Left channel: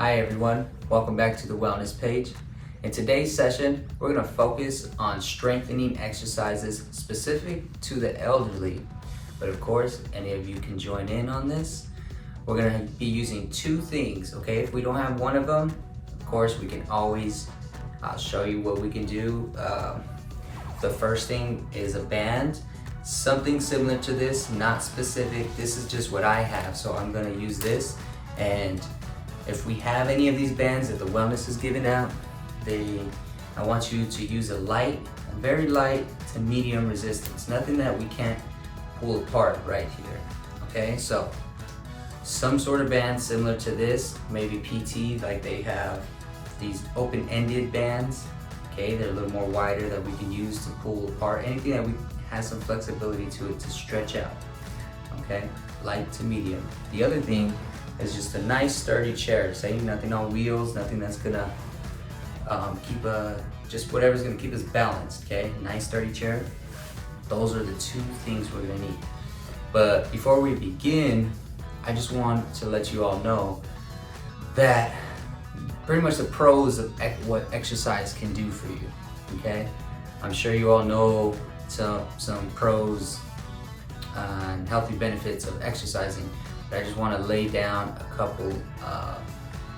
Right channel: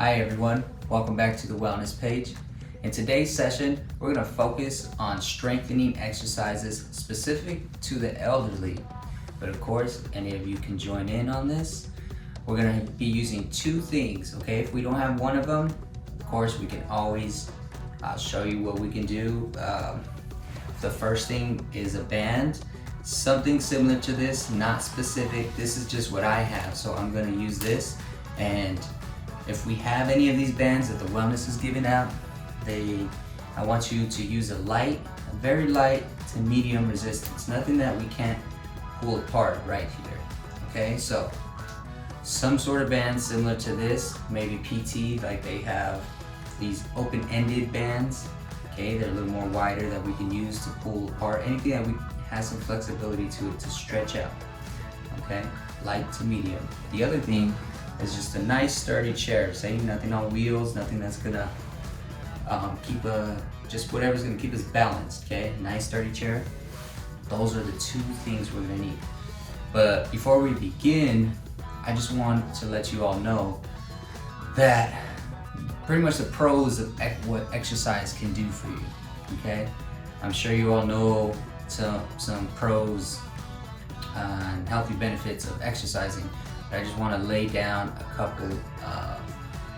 Hi everyone, welcome back to the wellness page. In today's session, we're going to focus on strengthening exercises specific to the elderly. But of course, any of you can join in on this. We're going to be using two things, okay? If we don't have one of them, of course, we can always show you what we can do. The first thing is a band, something similar to this, not specific. This is just what I have, so I'm going to use this. And if we have any of these bands that the wellness is giving out, I want you to use a very light to medium resistance. Nothing that we can't pull apart right here. Okay, so some sort of band similar to this, maybe PT, like they have these open-ended bands. Okay, they're a little more wider that we can use to pull apart. Anything that has some flexibility to it to stretch out. Okay, light to medium. The other thing is just a nice sturdy chair. Say nothing on wheels, nothing that's gonna just whatever's gonna keep us balanced. Okay, nice sturdy chair. Those are the two things we're gonna need. But before we begin, I just want to let you all know that pretty much the pros of what exercise can do for you. Okay, I'm sure you all know some pros and healthy benefits of exercising. I just want to lay down a couple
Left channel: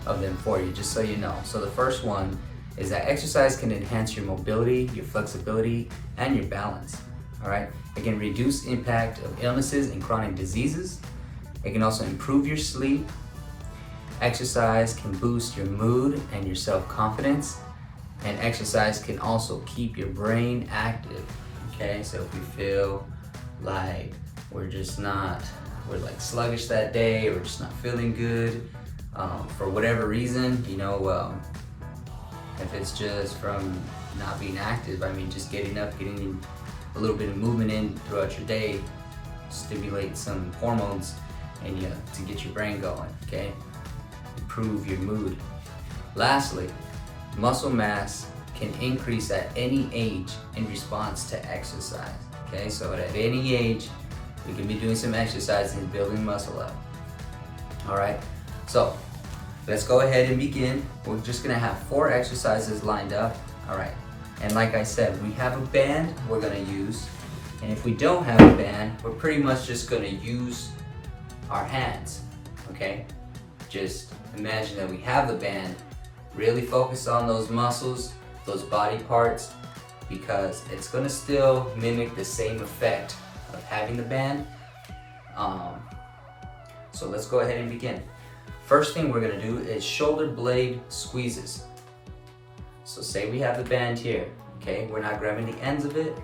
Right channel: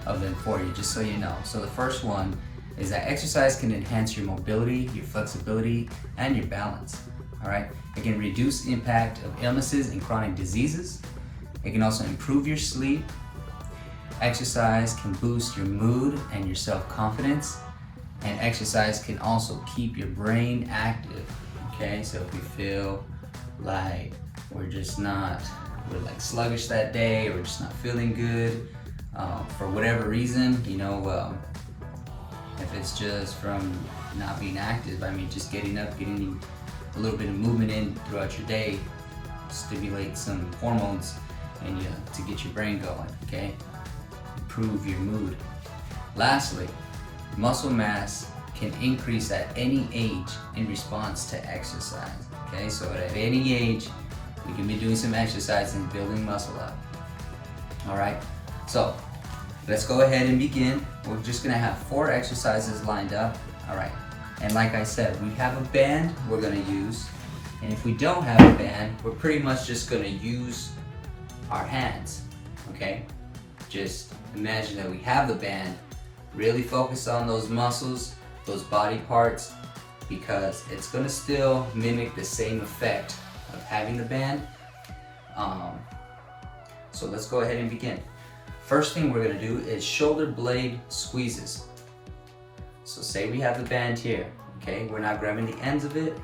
of them for you, just so you know. So the first one is that exercise can enhance your mobility, your flexibility, and your balance. All right. It can reduce the impact of illnesses and chronic diseases. It can also improve your sleep. Exercise can boost your mood and your self-confidence. And exercise can also keep your brain active. Okay. So if you feel like we're like sluggish that day, or just not feeling good for whatever reason, if it's just from not being active, I mean, just getting up, getting a little bit of movement in throughout your day, stimulate some hormones in you to get your brain going, okay? Improve your mood. Lastly, muscle mass can increase at any age in response to exercise, okay? So at any age, we can be doing some exercise and building muscle up. All right, so let's go ahead and begin. We're just gonna have 4 exercises lined up. All right, and like I said, we have a band we're gonna use. And if we don't have a band, we're pretty much just gonna use our hands, okay? Just imagine that we have the band, really focus on those muscles, those body parts, because it's gonna still mimic the same effect of having the band. So let's go ahead and begin. First thing we're gonna do is shoulder blade squeezes. So say we have the band here, okay? We're not grabbing the ends of it.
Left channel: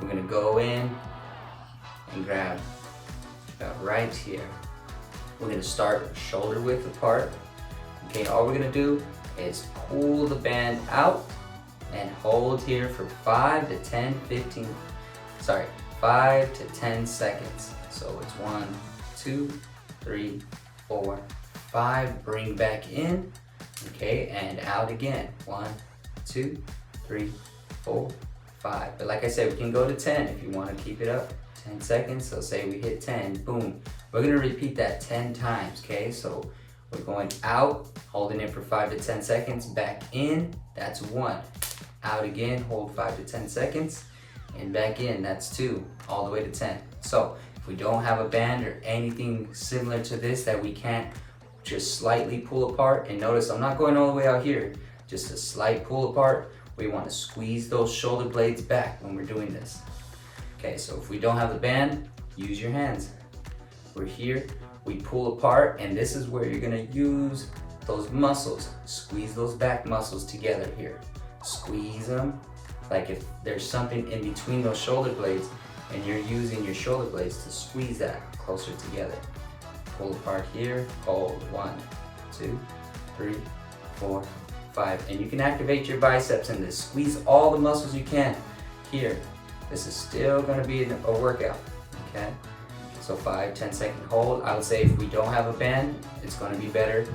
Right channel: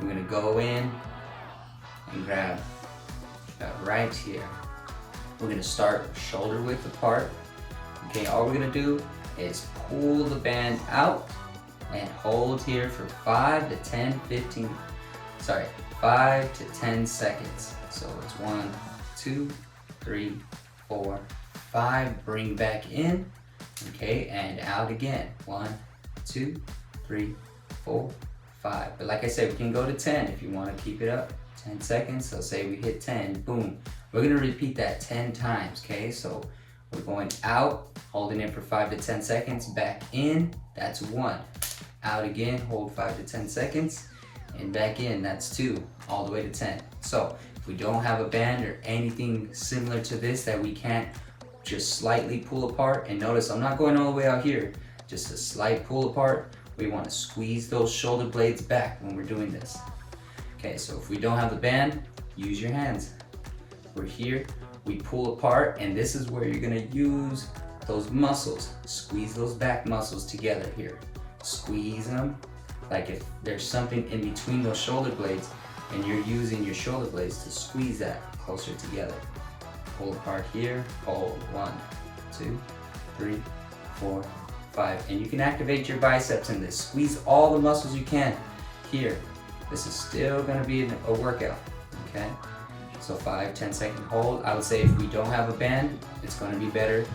We're gonna go in and grab right here. We're gonna start shoulder width apart. Okay, all we're gonna do is pull the band out and hold here for 5 to 10 seconds. So it's 1, 2, 3, 4, 5. Bring back in, okay, and out again. 1, 2, 3, 4, 5. But like I said, we can go to 10 if you want to keep it up. 10 seconds. So say we hit 10, boom. We're gonna repeat that 10 times, okay? So we're going out, holding it for 5 to 10 seconds. Back in, that's 1. Out again, hold 5 to 10 seconds. And back in, that's 2, all the way to 10. So if we don't have a band or anything similar to this that we can't just slightly pull apart, and notice I'm not going all the way out here, just a slight pull apart. We want to squeeze those shoulder blades back when we're doing this. Okay, so if we don't have the band, use your hands. We're here, we pull apart, and this is where you're gonna use those muscles. Squeeze those back muscles together here. Squeeze them. Like if there's something in between those shoulder blades and you're using your shoulder blades to squeeze that closer together. Pull apart here, hold 1, 2, 3, 4, 5. And you can activate your biceps in this. Squeeze all the muscles you can here. This is still gonna be a workout, okay? So 5, 10 second hold. I would say if we don't have a band, it's gonna be better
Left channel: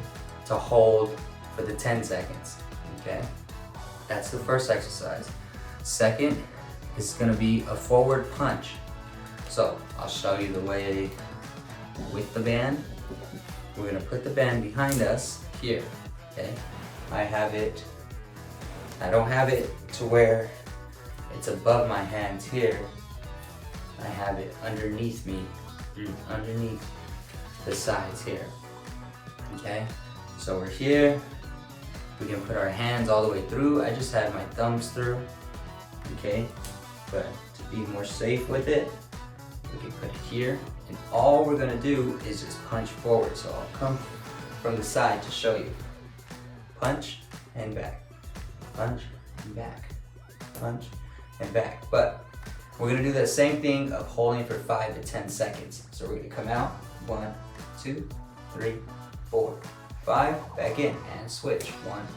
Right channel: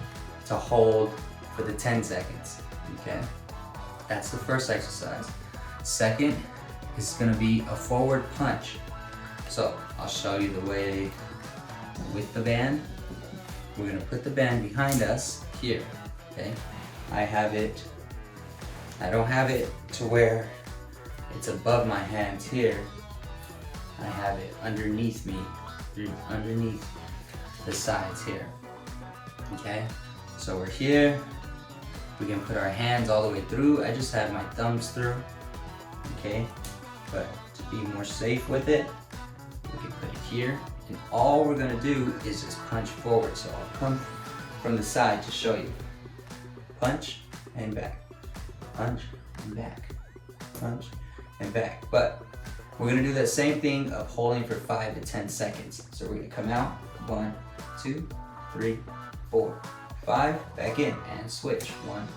to hold for the 10 seconds, okay? That's the first exercise. Second is gonna be a forward punch. So I'll show you the way with the band. We're gonna put the band behind us here, okay? I don't have it to where it's above my hands here. I have it underneath me, underneath the sides here, okay? So we're here. We can put our hands all the way through. I just have my thumbs through, okay? But to be more safe with it, we can put it here. And all we're gonna do is just punch forward. So I'll come from the side to show you. Punch and back, punch and back, punch and back. But we're gonna do that same thing of holding for 5 to 10 seconds. So we're gonna come out, 1, 2, 3, 4, 5, back in and switch. 1,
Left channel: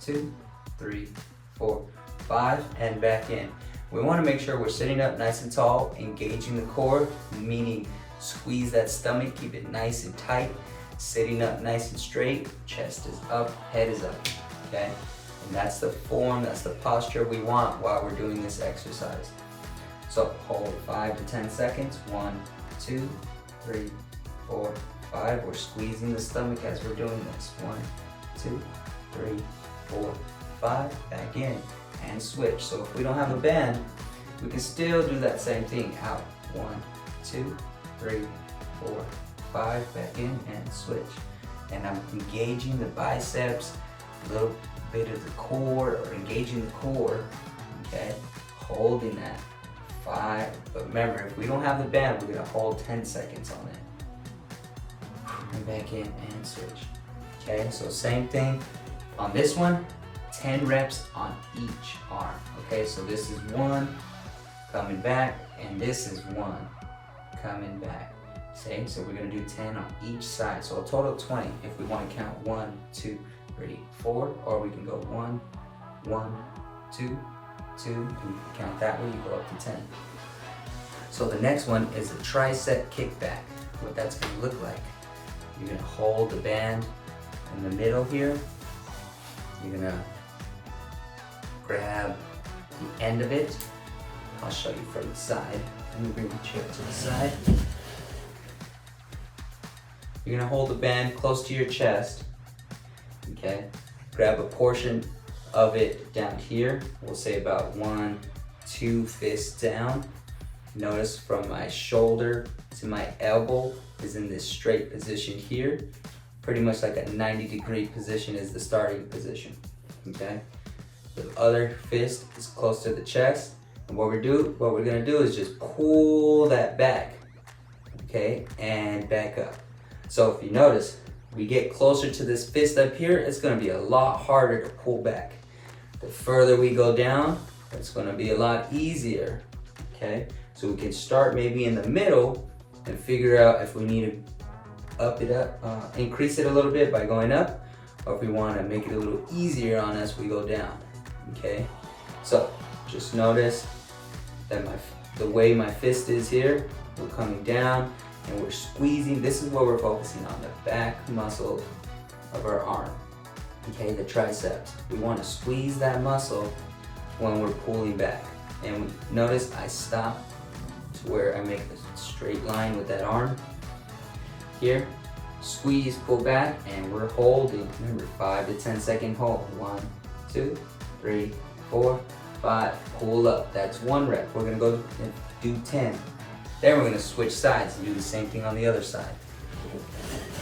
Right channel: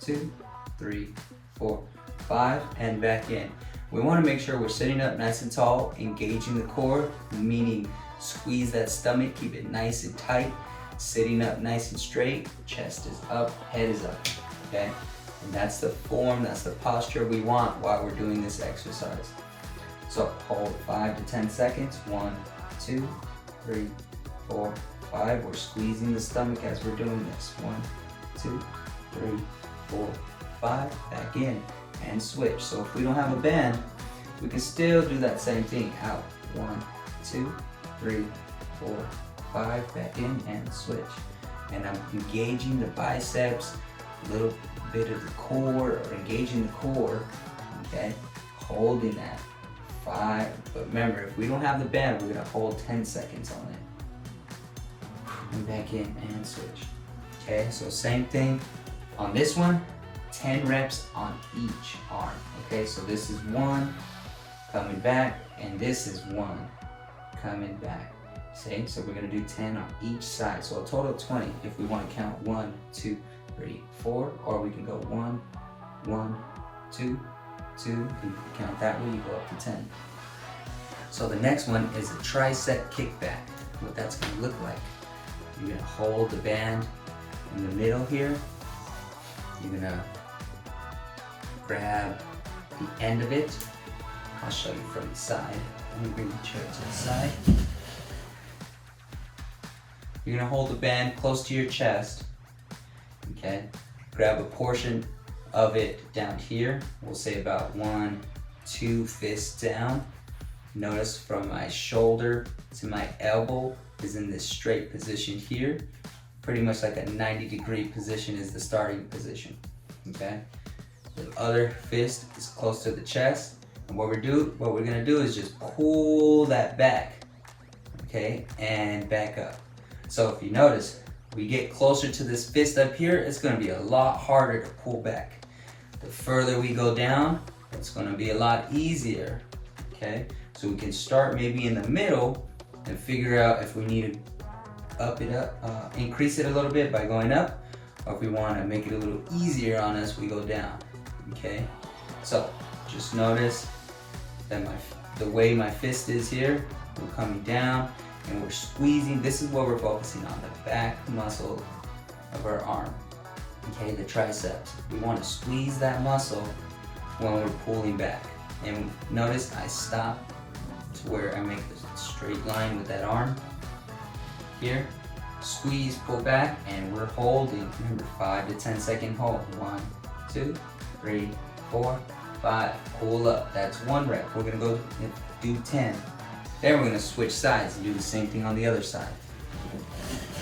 2, 3, 4, 5, and back in. We wanna make sure we're sitting up nice and tall, engaging the core, meaning squeeze that stomach, keep it nice and tight, sitting up nice and straight, chest is up, head is up, okay? And that's the form, that's the posture we want while we're doing this exercise. So hold 5 to 10 seconds. 1, 2, 3, 4, 5. We're squeezing the stomach as we're doing this. 1, 2, 3, 4, 5. Back in and switch. So if we don't have a band, we can still do that same thing. Out. 1, 2, 3, 4, 5. Back in and switch. And I'm engaging the biceps, a little bit of the core, or engaging the core. Okay, holding that. 5, but remember, if we don't have the band, we're gonna hold 10 seconds on it. And back in and switch. Okay, so same thing on this one, 10 reps on each arm. Okay, so this is 1, coming back, and this is 1, coming back. Same, so we're gonna do 10 on each side. So a total of 20 if we wanna count 1, 2, 3, 4, or we can go 1, 1, 2, 2, and count that way, you go up to 10. So the next one is a tricep kickback. What that's gonna look like. You're gonna hold the band in the middle here. You're gonna grab the end of it. I'll show you from the side. Let me bring the chair to the side. You're gonna hold the band close to your chest. Okay, grab a portion of it down here. We'll say about 1, 2 fists down. Notice from my shoulder to my elbow is in this straight position here. Pretty much like a 90-degree position is the starting position. Okay, the other fist is close to the chest, and what we're gonna do is just pull that back. Okay, and back up. So if you notice, we get closer to this fist up here, it's gonna be a lot harder to pull back. The further we go down, it's gonna be a lot easier, okay? So we can start maybe in the middle and figure out if we need to increase it a little bit by going up, or if we wanna make it a little easier on us, we go down, okay? So just notice that the way my fist is here, we're coming down and we're squeezing. This is what we're focusing on, the back muscle of our arm. Okay, the triceps. We want to squeeze that muscle when we're pulling back. And notice I stop to where I make a straight line with that arm. Here, squeeze, pull back, and we're holding. Remember, 5 to 10 second hold. 1, 2, 3, 4, 5. Pull up. That's 1 rep. We're gonna go and do 10. Then we're gonna switch sides and do the same thing on the other side.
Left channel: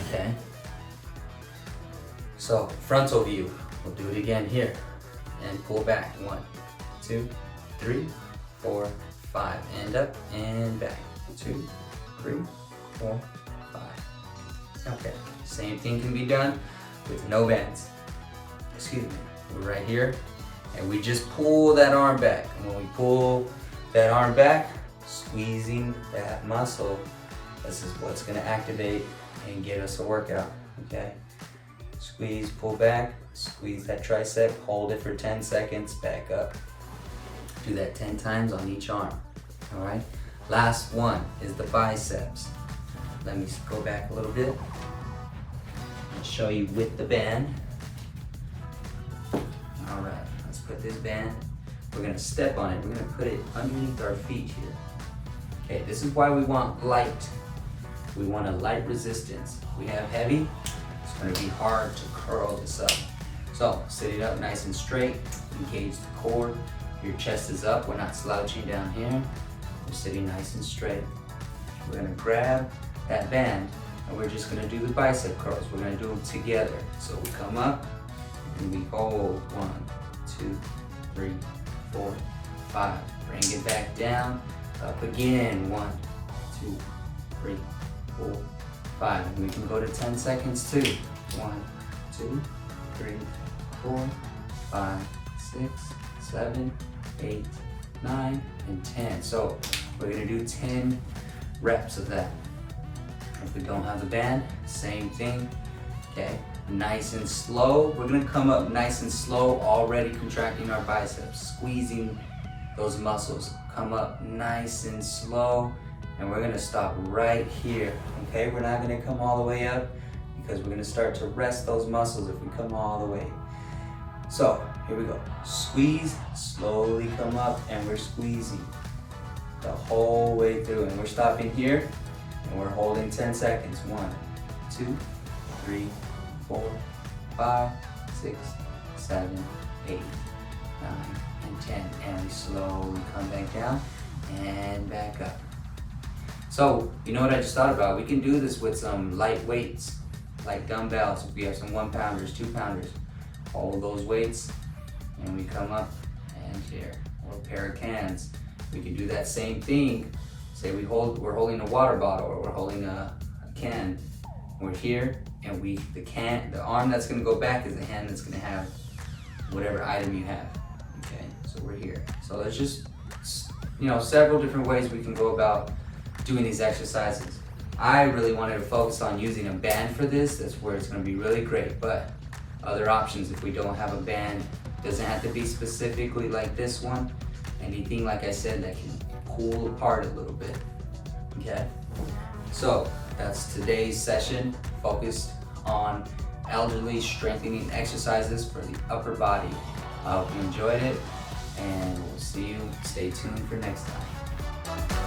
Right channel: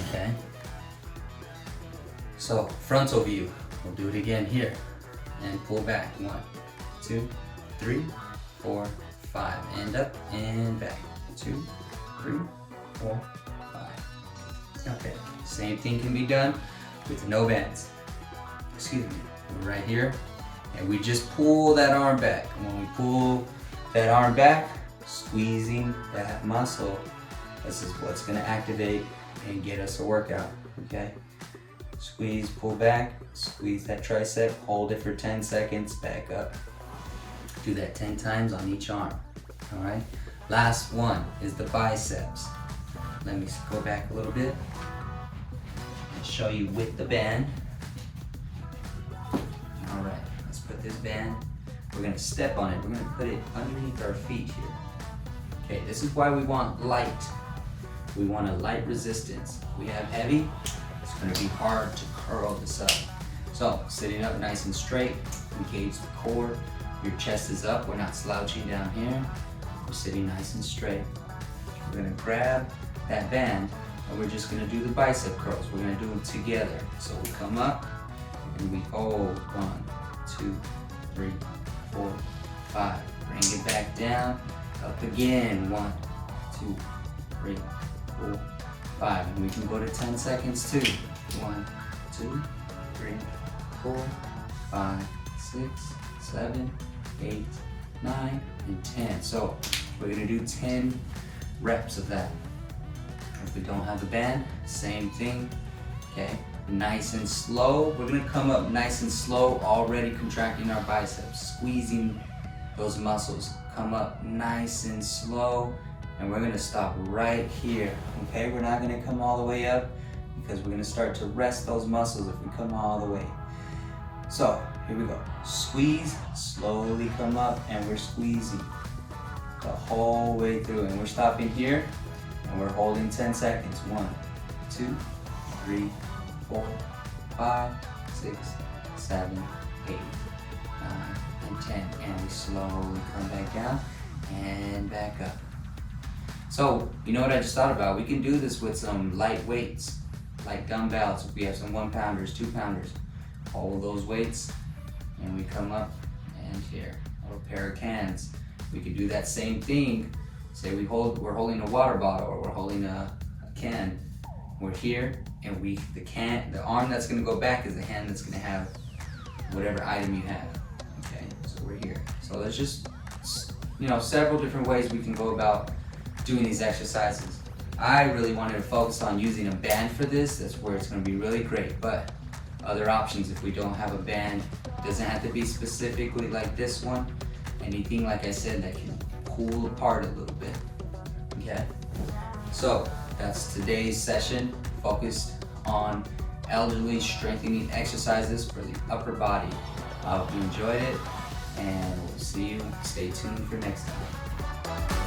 Okay. So frontal view, we'll do it again here and pull back. 1, 2, 3, 4, 5, and up and back. 2, 3, 4, 5. Okay, same thing can be done with no bands. Excuse me, we're right here and we just pull that arm back. And when we pull that arm back, squeezing that muscle, this is what's gonna activate and get us a workout, okay? Squeeze, pull back, squeeze that tricep, hold it for 10 seconds, back up. Do that 10 times on each arm, all right? Last one is the biceps. Let me go back a little bit and show you with the band. All right, let's put this band, we're gonna step on it, we're gonna put it underneath our feet here. Okay, this is why we want light. We want a light resistance. If we have heavy, it's gonna be hard to curl this up. So sitting up nice and straight, engage the core. Your chest is up, we're not slouching down here. We're sitting nice and straight. We're gonna grab that band and we're just gonna do the bicep curls. We're gonna do them together. So we come up and we hold 1, 2, 3, 4, 5. Bring it back down, up again. 1, 2, 3, 4, 5. And we can go to 10 seconds too. 1, 2, 3, 4, 5, 6, 7, 8, 9, and 10. So we're gonna do 10 reps of that. If we don't have the band, same thing, okay? Nice and slow. We're gonna come up nice and slow, already contracting our biceps, squeezing those muscles. Come up nice and slow, and we're gonna stop right here, okay? We're not gonna come all the way up because we're gonna start to rest those muscles if we come all the way. So here we go. Squeeze, slowly come up, and we're squeezing the whole way through, and we're stopping here, and we're holding 10 seconds. 1, 2, 3, 4, 5, 6, 7, 8, 9, and 10. And we slowly come back down and back up. So, you know what I just thought about? We can do this with some light weights, like dumbbells. If we have some 1-pounders, 2-pounders, hold those weights, and we come up and here, a little pair of cans. We can do that same thing. Say we're holding a water bottle or we're holding a can. We're here, and the arm that's gonna go back is the hand that's gonna have whatever item you have. Okay, so we're here. So there's just, several different ways we can go about doing these exercises. I really wanted to focus on using a band for this. That's where it's gonna be really great, but other options if we don't have a band, doesn't have to be specifically like this one. Anything, like I said, that can cool apart a little bit, okay? So that's today's session, focused on elderly strengthening exercises for the upper body. I hope you enjoyed it, and we'll see you. Stay tuned for next time.